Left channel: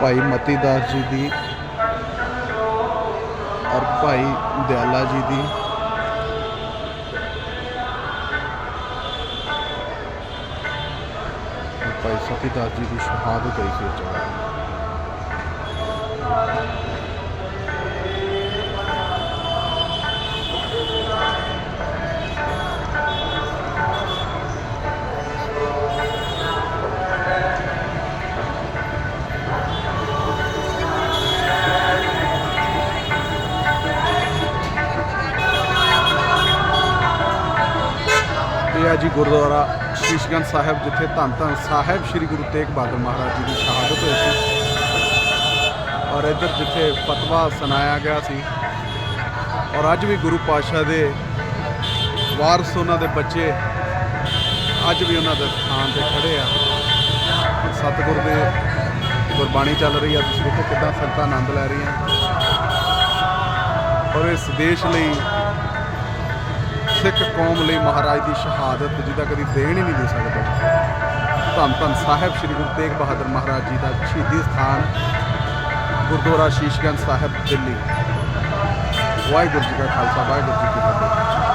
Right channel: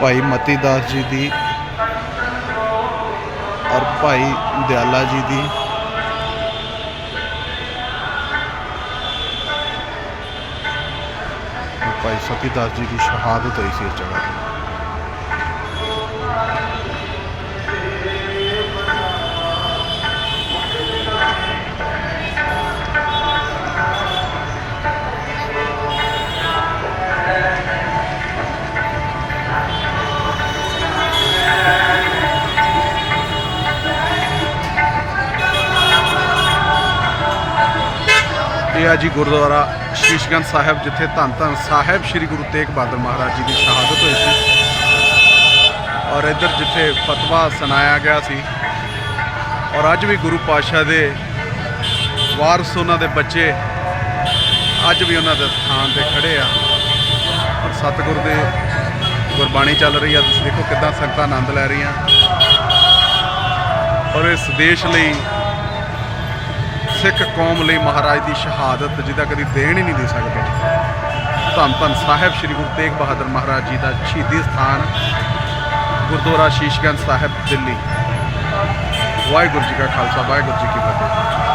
ਭਾਈ ਮਤੀ ਦਾਸ ਜੀ ਦੀ ਔਰ ਭਾਈ ਦਿਆਲਾ ਜੀ ਦੀ। ਭਾਈ ਸਤੀ ਦਾਸ ਜੀ ਦੀ ਸ਼ਹਾਦਤ ਹੋਈ ਸੀ ਇਸ ਜਗ੍ਹਾ ਤੇ। ਇਹ ਆ ਜੀ ਗੁਰਦੁਆਰਾ ਸ਼ੀਸ਼ਗੰਜ ਸਾਹਿਬ, ਜਿੱਥੇ ਧੰਨ ਧੰਨ ਸਾਹਿਬ ਸ੍ਰੀ ਗੁਰੂ ਤੇਗ ਬਹਾਦਰ ਮਹਾਰਾਜ ਜੀ ਦੀ ਸ਼ਹਾਦਤ ਹੋਈ ਸੀ। ਔਰ ਇੱਧਰ ਜਿੱਥੇ ਫਤਵਾ ਸੁਣਾਇਆ ਗਿਆ ਸੀ, ਔਰ ਅੱਜ ਵੀ ਗੁਰੂ ਪਾਤਸ਼ਾਹ ਦੇ ਵਾਰਸ ਉਹਨਾਂ ਦੇ ਬੱਚੇ ਅੱਜ ਵੀ ਉਹਨਾਂ ਦੇ ਸਥਾਨ ਤੇ ਖੜੇ ਆ। ਔਰ ਸਤਿਗੁਰ ਦੇ ਗੁਰਬਾਣੀ ਚੱਲ ਰਹੀ ਆ। ਤੁਸੀਂ ਦੇਖੋ ਕਿਦਾਂ ਸੰਗਤਾਂ ਆਨੰਦ ਲੈ ਰਹੀਆਂ। ਔਰ ਇਸ ਦੇਸ਼ ਲਈ ਸਿੱਖ ਕੌਮ ਲਈ ਮਹਾਰਾਜ ਦੀ ਸ਼ਹਾਦਤ, ਜਿਹਦਾ ਕਦੀ ਦੇਣ ਹੀ ਨਹੀਂ ਦੇ ਸਕਦੇ। ਧੰਨ ਧੰਨ ਸਾਹਿਬ ਸ੍ਰੀ ਗੁਰੂ ਤੇਗ ਬਹਾਦਰ ਮਹਾਰਾਜ ਜੀ ਦਾ ਸ਼ਹੀਦੀ ਸਥਾਨ, ਗੁਰਦੁਆਰਾ ਸ਼ੀਸ਼ਗੰਜ ਸਾਹਿਬ, ਦਿੱਲੀ। ਵਾਹਿਗੁਰੂ ਜੀ ਕਾ ਖਾਲਸਾ, ਵਾਹਿਗੁਰੂ ਜੀ ਕੀ ਫਤਿਹ।